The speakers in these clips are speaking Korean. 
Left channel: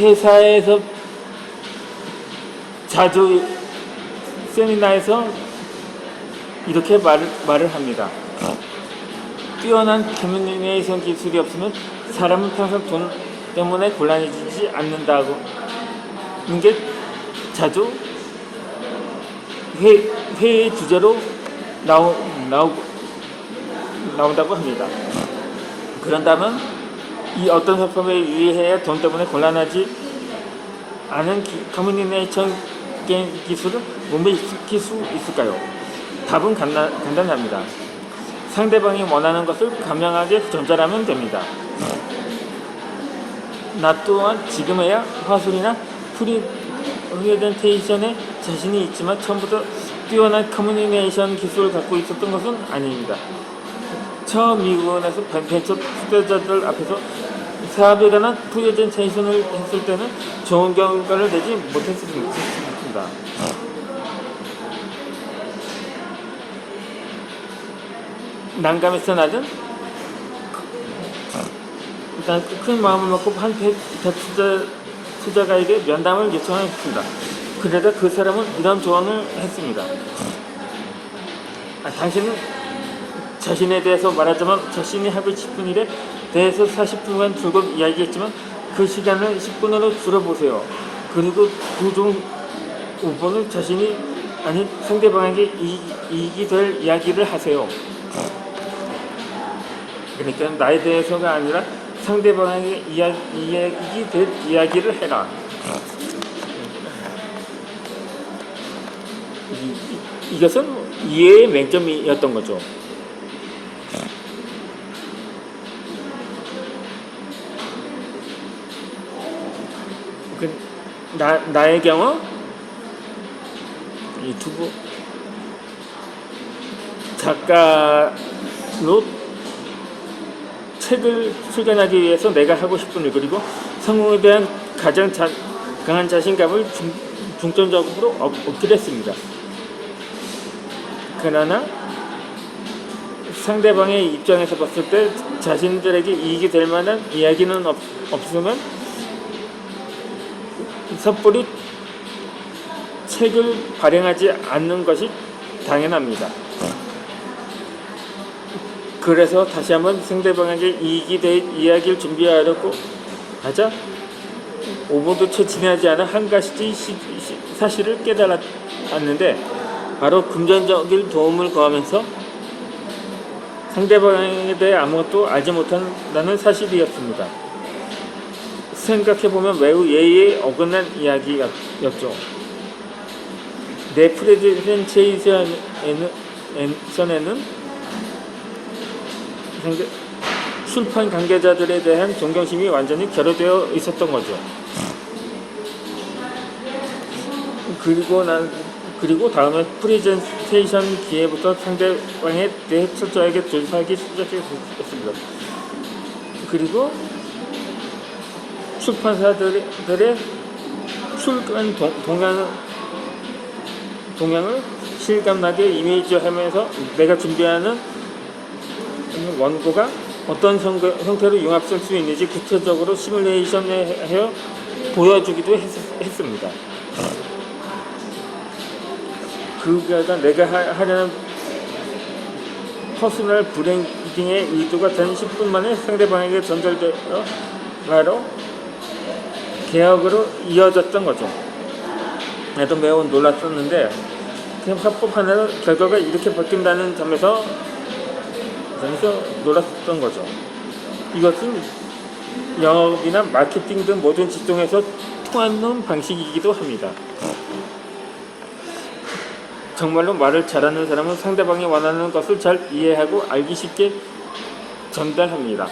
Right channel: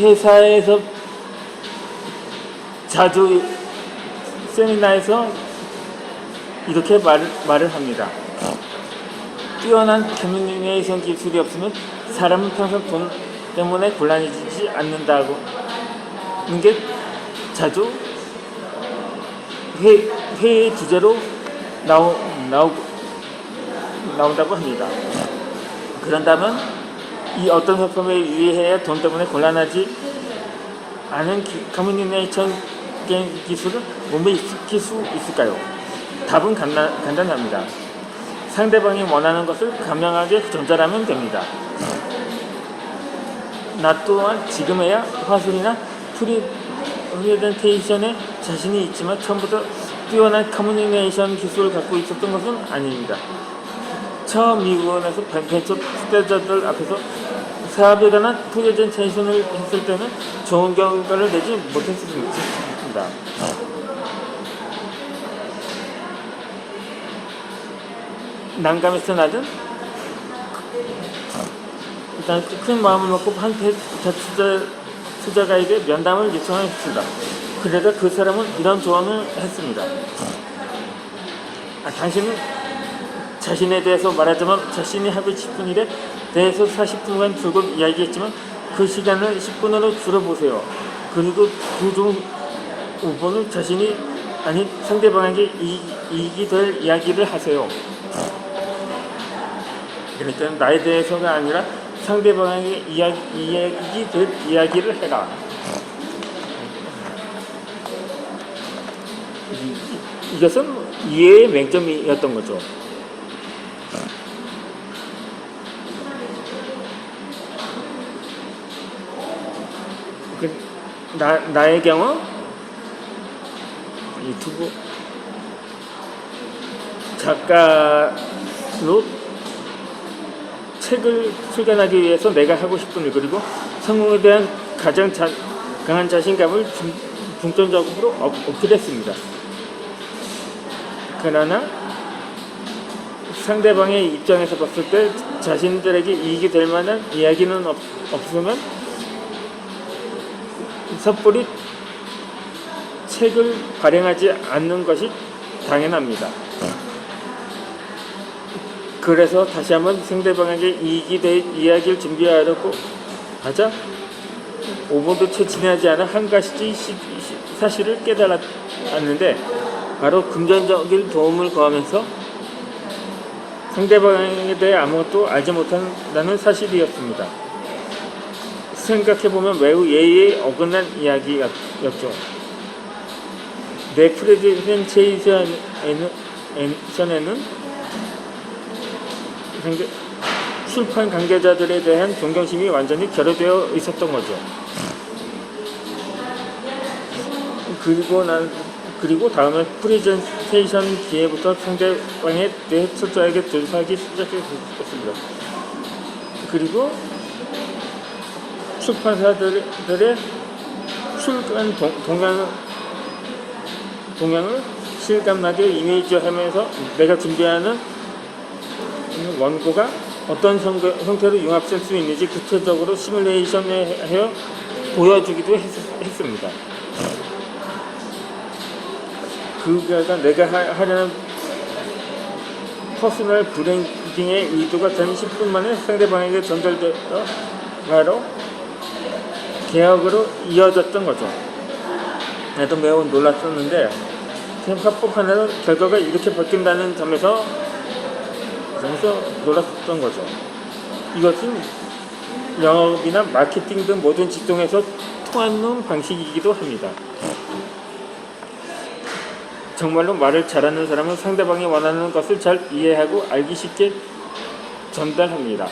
회사에서 자주 세미나에서 이렇게 말을 합니다. 뛰어난 커뮤니케이션 기술이 없으면 사람은 평생 돈 때문에 곤란해지지 않는다고 하는 게 자주 회의 주제로 나온다고 합니다. 그런다면 이 어떤 협업에 유의해야 돈 때문에 곤란하지 않은 커뮤니케이션 기술을 몸에 익힐 수 있을까요? 답은 간단합니다. 상대방이 원하는 것을 간명하게 전달하면 됩니다. 나 또한 지금에야 화술이나 프리젠테이션에 자신이 있지만 처음부터 뛰어난 커뮤니케이션 기술을 갖고 있었던 것은 아닙니다. 처음 미국에서 벤처 투자자들 앞에서 사업에 관한 프레젠테이션을 했을 때는 좋은 결과를 내지 못했을 수 있습니다. 난감해서 낮은 일단 큰 마음을 먹고 한 투자가에게 면담을 요청했습니다. 그러자 그 사람은 이런 조언을 했습니다. 당신은 자신에 대해서 말하자면 자신이 하고 싶은 일에 대해서 40분간 줄곧 이야기했지만 그 시간을 10분으로 줄여보세요. 그리고 그 중 5분을 자신이 아닌 상대방에게 이익이 될 이야기를 하세요. 그러니까 나에 대해서가 아니라 상대방에게 이익이 될 이야기를 해라. 이것은 이해의 맹점이었던 거죠. 나의 경우 유튜브 작가로 책을 출간하기 위해서 내가 하고 싶은 일 그리고 성공에 대한 가장 강한 자신감을 중점적으로 어필했습니다. 그러나 상대방의 입장에서 봤을 때 자신들에게 이익이 될 만한 이야기는 없으면 섣불리 책을 발행하지 않는 것이 당연합니다. 그래서 다시 한번 상대방에게 이익이 될 이야기를 준비하려고 하자 5분도 채 지나지 않아 한 가지 사실을 깨달았는데 바로 금전적인 도움을 구하면서 상대방에 대해 아무것도 알지 못한다는 사실이었습니다. 생각해보면 매우 예의에 어긋난 이야기였죠. 내 프레젠테이션에는 출판 관계자들에 대한 존경심이 완전히 결여되어 있었던 거죠. 그리고 다음에 프레젠테이션 기회부터 상대방에 대해 철저하게 조사하기 시작했습니다. 그리고 출판사들의 출간 동향을 실감나게 이미지하면서 내가 준비하는 원고가 어떤 형태로 융합될 수 있는지 구체적으로 시뮬레이션을 해 보여주기도 했습니다. 그가 내가 하려는 퍼스널 브랜딩의 의도가 단 10분 만에 상대방에게 전달되어 바로 계약으로 이어졌던 거죠. 나도 매우 놀랐었는데 협업하는 결과가 이렇게 바뀐다는 점에서 놀랐었던 거죠. 이것은 영업이나 마케팅 등 모든 직종에서 통하는 방식이기도 합니다. 정말로 말을 잘하는 사람은 상대방이 원하는 것을 잘 이해하고 알기 쉽게 전달합니다.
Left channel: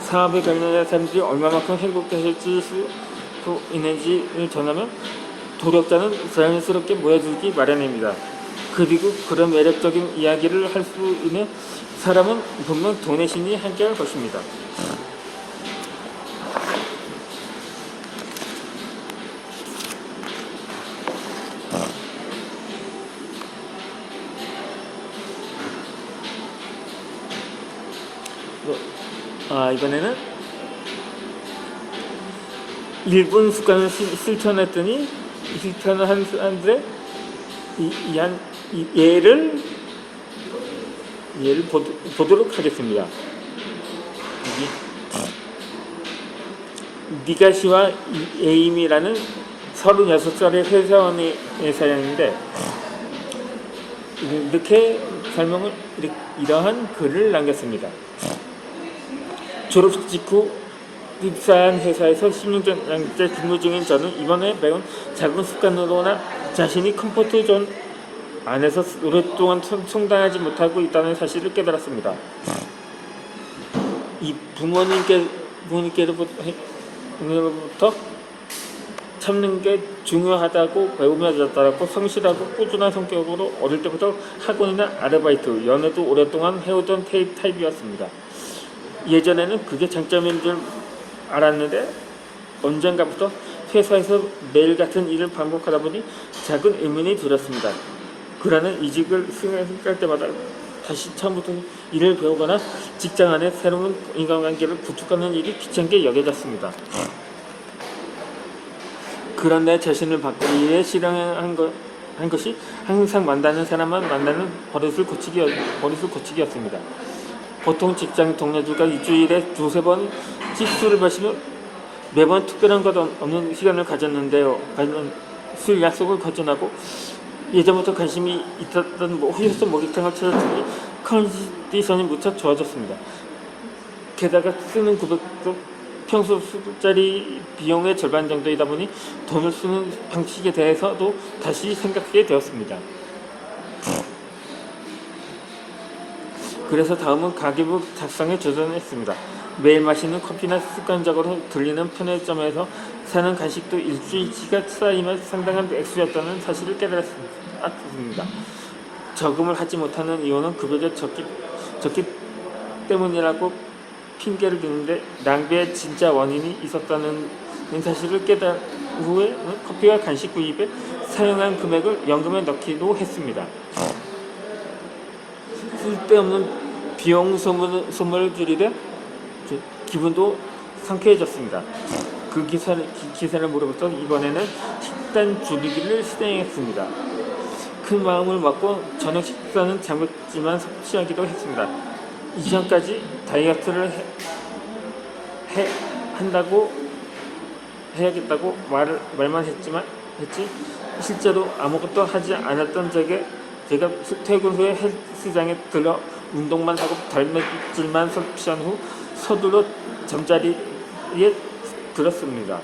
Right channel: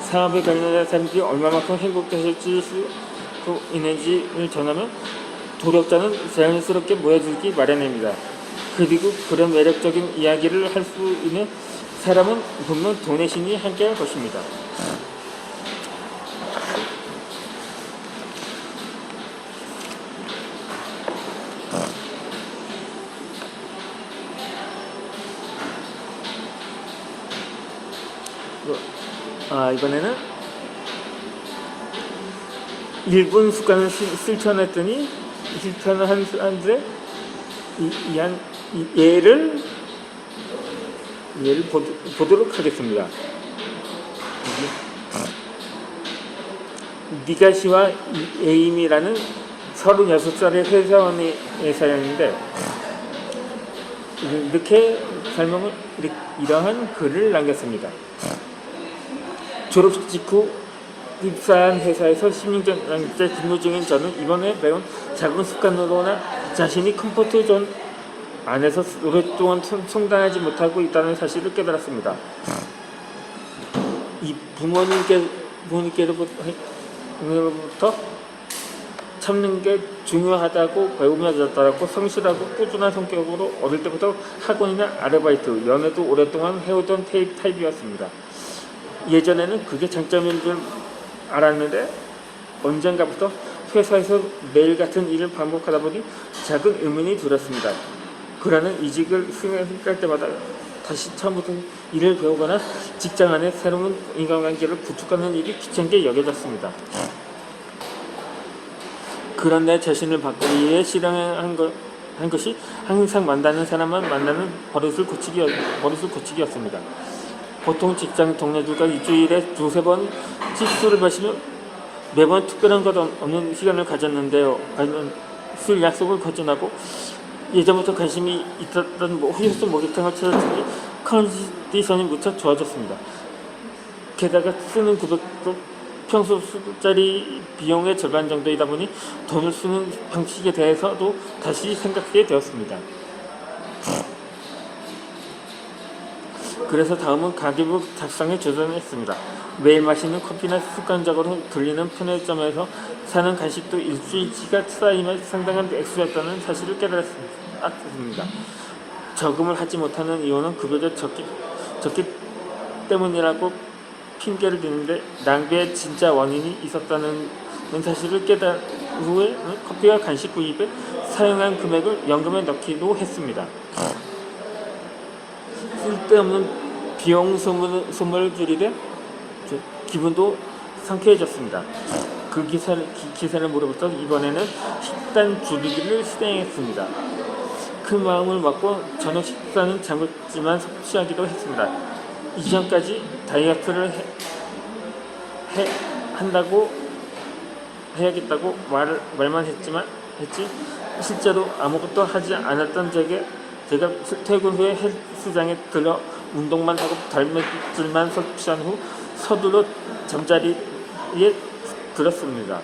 사업에 관련된 사람들이 얼마만큼 행복해질수 있는지를 전하면 도덕자는 자연스럽게 모여들기 마련입니다. 그리고 그런 매력적인 이야기를 할 수 있는 사람은 분명 돈의 신이 함께할 것입니다. 이번에는 일본 습관을 실천했더니 실천을 하는데 예를 보도록 하겠습니다. 니가시와 에임이라는 36살의 회사원이었는데 이렇게 설명을 이러한 글을 남겼습니다. 졸업 직후 입사한 회사에서 16년째 근무 중인 저는 이번에 배운 작은 습관으로나 자신이 컴포트 존 안에서 오랫동안 성장하지 못하고 있다는 사실을 깨달았습니다. 이 부모님께로부터 참는 게 중요하다고 배우며 자랐고 성실하고 꾸준한 성격으로 어릴 때부터 학원이나 아르바이트, 연애도 오랫동안 해오던 타입이었습니다. 예전에는 그게 장점인 줄 알았는데 언젠가부터 회사에서 매일 같은 일을 반복하다 보니 작은 의문이 들었습니다. 그러는 이직을 생각할 때마다 다시 처음부터 일을 배우거나 직장 안에 새로운 인간관계를 구축하는 일이 귀찮게 여겨졌습니다. 그런 내 자신을 바꾸기 위해 실행한 것이 항상 만나는 사람만 만나는 버릇을 고치기였습니다. 보통 직장 동료들과 일주일에 두세 번 술을 마시며 매번 특별한 것 없는 시간을 가졌는데요. 술 약속을 거절하고 예전부터 관심이 있었던 휴스턴 목욕탕을 찾았더니 컨디션이 무척 좋아졌습니다. 게다가 쓰는 구독도 평소 술자리 비용의 절반 정도이다 보니 돈을 쓰는 방식에 대해서도 다시 생각하게 되었습니다. 그래서 다음은 가계부 작성에 도전했습니다. 매일 마시는 커피나 습관적으로 들리는 편의점에서 사는 간식도 일주일치가 쌓이면 상당한 액수였다는 사실을 깨달았습니다. 저금을 하지 못하는 이유는 급여가 적기 때문이라고 핑계를 대는데 낭비의 진짜 원인이 있었다는 사실을 깨달은 후에 커피와 간식 구입에 사용한 금액을 연금에 넣기도 했습니다. 쓸데없는 비용 소모를 줄이되 기분도 상쾌해졌습니다. 그 기사를 물어봤더 이번에는 식단 줄이기를 시행했습니다. 큰 마음을 먹고 저녁 식사는 장백지만 섭취하기도 했습니다. 이전까지 다이어트를 해야겠다고 말만 했지 실제로 아무것도 하지 않았던 제가 퇴근 후에 헬스장에 들러 운동만 하고 단백질만 섭취한 후 서둘러 잠자리에 들었습니다.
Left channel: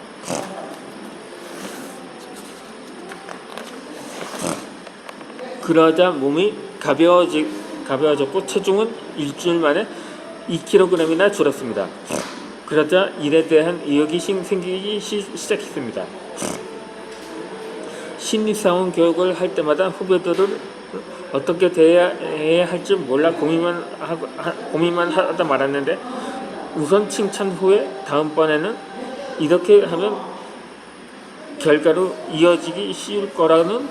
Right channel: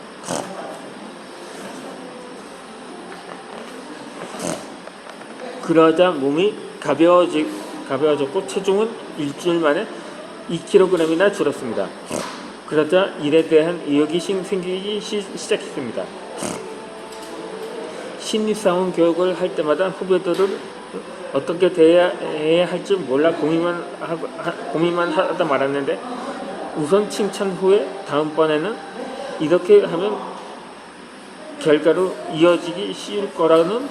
그러자 몸이 가벼워졌고 체중은 일주일 만에 2kg이나 줄었습니다. 그러자 일에 대한 의욕이 생기기 시작했습니다. 신입사원 교육을 할 때마다 후배들을 어떻게 대해야 할지 몰라 고민만 하다 말았는데 우선 칭찬 후에 다음번에는 이렇게 하면 결과로 이어지기 쉬울 거라는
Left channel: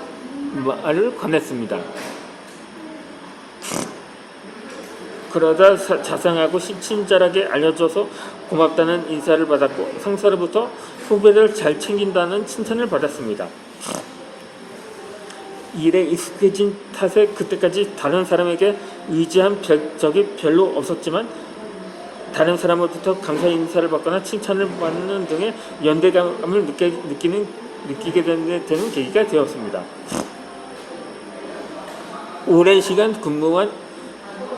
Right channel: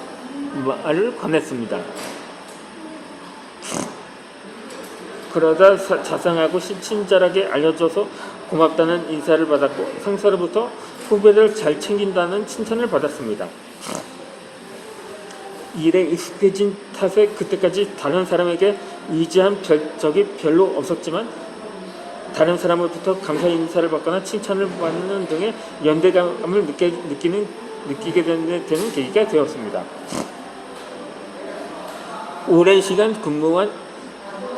말을 권했습니다. 그러자 자상하고 친절하게 알려줘서 고맙다는 인사를 받았고 상사로부터 후배를 잘 챙긴다는 칭찬을 받았습니다. 일에 익숙해진 탓에 그때까지 다른 사람에게 의지한 적이 별로 없었지만 다른 사람으로부터 감사 인사를 받거나 칭찬을 받는 등의 연대감을 느끼게 되는 계기가 되었습니다. 오랜 시간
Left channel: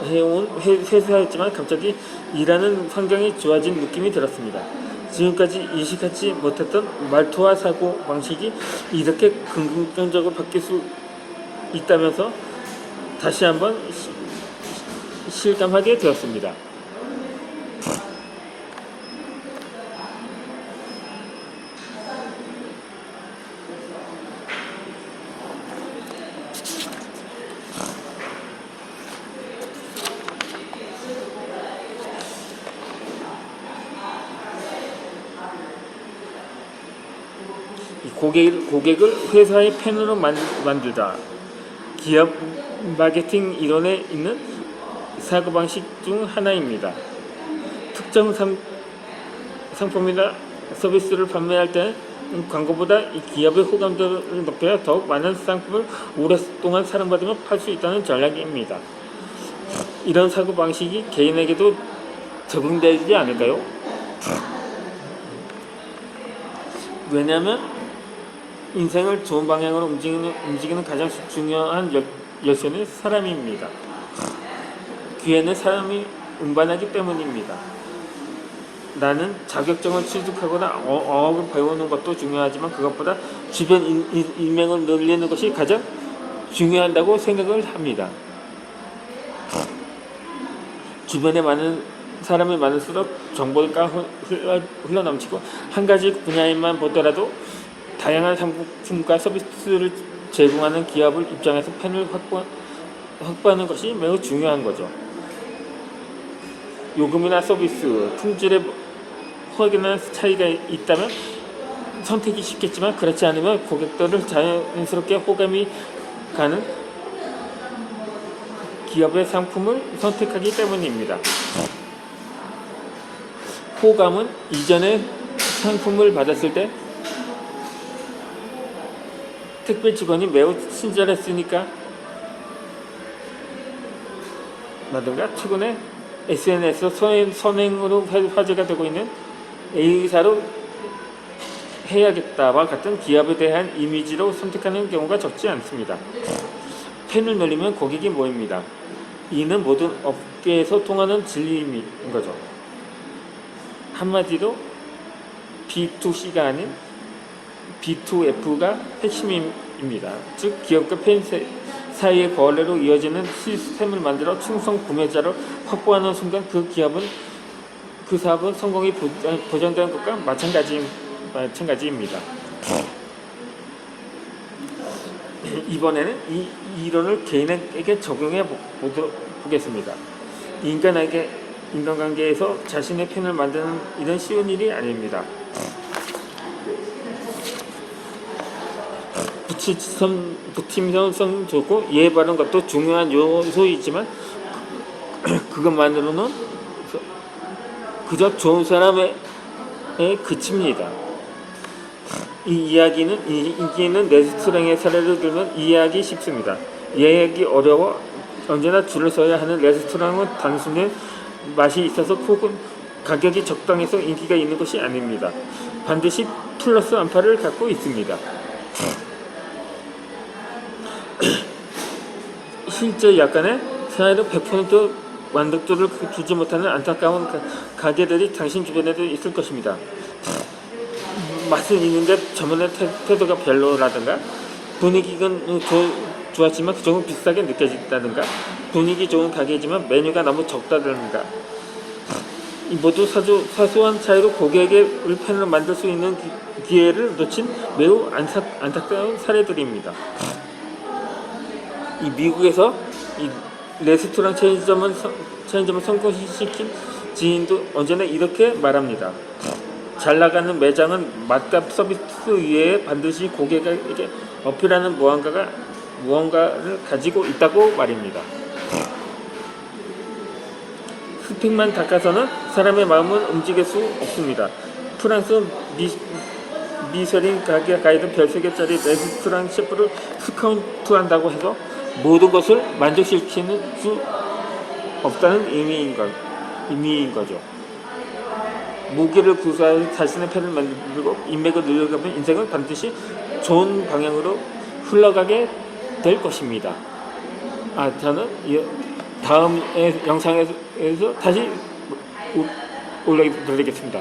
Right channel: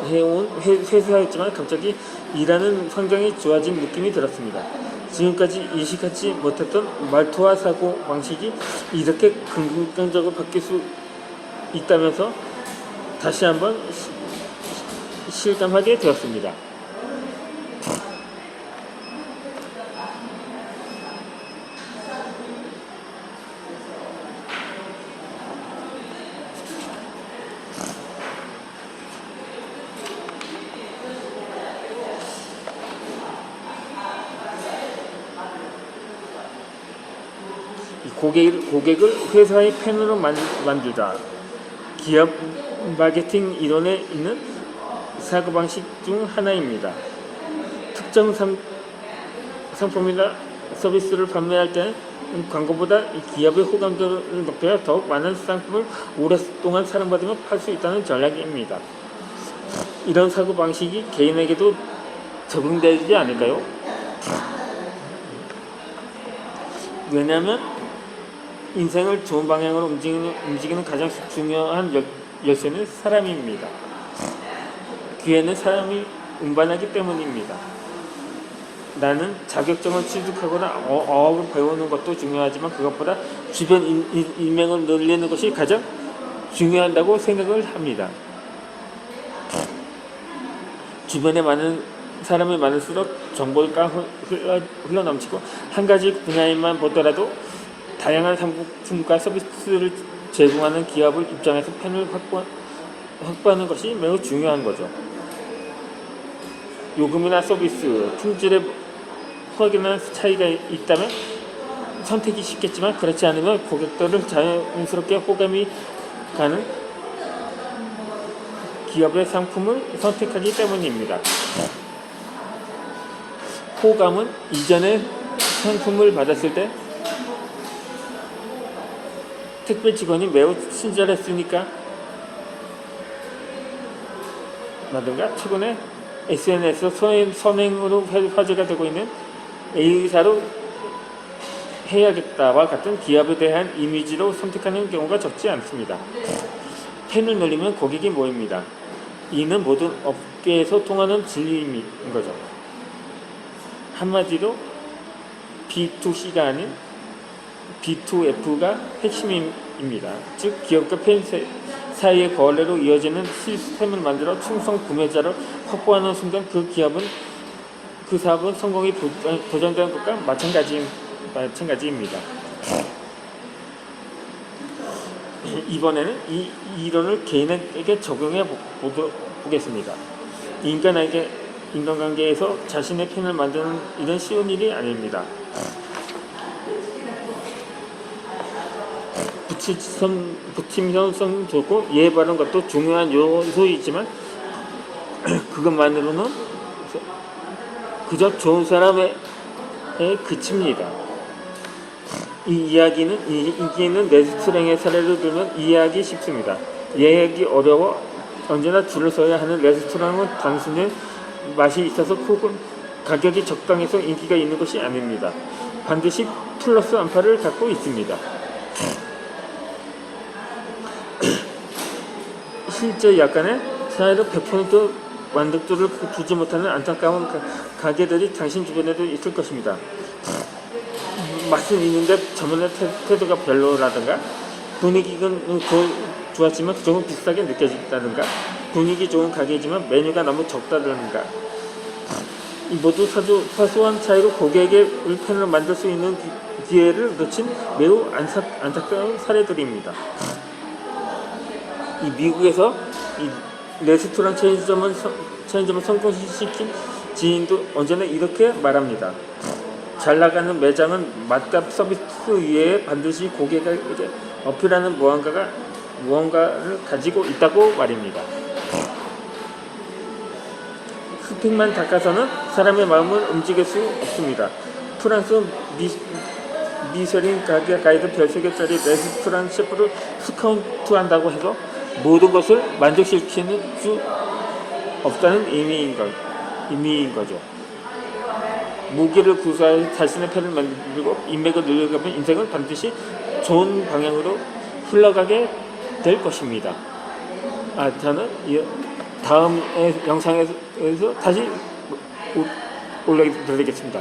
해온 회사였지만 갑자기 일하는 환경이 좋아진 느낌이 들었습니다. 지금까지 인식하지 못했던 말투와 사고 방식이 이렇게 긍정적으로 바뀔 수 있다면서 다시 한번 실감하게 되었습니다. 고객을 회사의 팬으로 만들다. 기업 마케팅 이론에 있는 사고방식 중 하나입니다. 특정 상품이나 서비스를 판매할 때는 광고보다 이 기업의 호감도를 높여야 더 많은 상품을 오랫동안 사랑받으며 팔 수 있다는 전략입니다. 이런 사고방식이 개인에게도 적용되지 않을까요? 왜냐하면 인생을 좋은 방향으로 움직이는 가장 중요한 열쇠는 사람입니다. 기회는 사람이 운반하기 때문입니다. 나는 자격증을 취득하거나 어업을 배우는 것도 중요하지만 그것보다 주변 인맥을 늘리는 것이 가장 중요하다고 생각을 합니다. 주변에 많은 사람이 많을수록 정보가 흘러넘치고 한 가지 분야에만 보더라도 다양한 상품과 서비스를 제공하는 기업을 입장에서 팬을 확보하는 것이 매우 중요한 거죠. 요금이나 서비스, 품질에 확연한 차이가 있다면 선택이 쉽겠지만 그렇지 않으면 고객들을 자연스럽게 호감이 가는 기업의 상품을 선택하기 때문입니다. 호감은 이전에 상품을 받았을 때 택배 직원이 매우 친절했으니까 라든가 최근에 SNS에서 선행으로 화제가 되고 있는 A사로 해야겠다와 같은 기업에 대한 이미지로 선택하는 경우가 적지 않습니다. 팬을 늘리면 고객이 모입니다. 이는 모든 업계에서 통하는 진리인 거죠. 한마디로 B2C가 아닌 B2F가 핵심입니다. 즉 기업과 팬 사이의 거래로 이어지는 시스템을 만들어 충성 구매자를 확보하는 순간 그 사업은 성공이 보장되는 것과 마찬가지입니다. 이번에는 이 이론을 개인에게 적용해 보겠습니다. 인간관계에서 자신의 팬을 만드는 일은 쉬운 일이 아닙니다. 부팀성도 좋고 이해 바른 것도 중요한 요소이지만 그것만으로는 그저 좋은 사람에 그칩니다. 이 이야기는 레스토랑의 사례를 들면 이해하기 쉽습니다. 이해하기 어려워 언제나 줄을 서야 하는 레스토랑은 단순히 맛이 있어서 혹은 가격이 적당해서 인기가 있는 것이 아닙니다. 반드시 플러스 알파를 갖고 있습니다. 실제 약간의 사이로 100% 만족도를 주지 못하는 안타까운 가게들이 당신 주변에도 있을 것입니다. 맛은 있는데 저번에 태도가 별로라든가 분위기가 좋았지만 조금 비싸게 느껴진다든가 분위기 좋은 가게지만 메뉴가 너무 적다든가 모두 사소한 차이로 고객의 팬을 만들 수 있는 기회를 놓친 매우 안타까운 사례들입니다. 이 미국에서 이 레스토랑 체인점을 성공시킨 지인도 언제나 이렇게 말합니다. 잘 나가는 매장은 맛과 서비스 위에 반드시 고객에게 어필하는 무언가를 가지고 있다고 말입니다. 스틱만 닦아서는 사람의 마음을 움직일 수 없습니다. 프랑스 미쉐린 가게 가이드 별세개짜리 레스토랑 셰프를 스카우트한다고 해서 모든 것을 만족시키는 수 없다는 의미인 거죠. 무기를 구사해 자신의 팬을 만들고 인맥을 늘려가면 인생은 반드시 좋은 방향으로 흘러가게 될 것입니다. 저는 다음 영상에서 다시 올려드리겠습니다.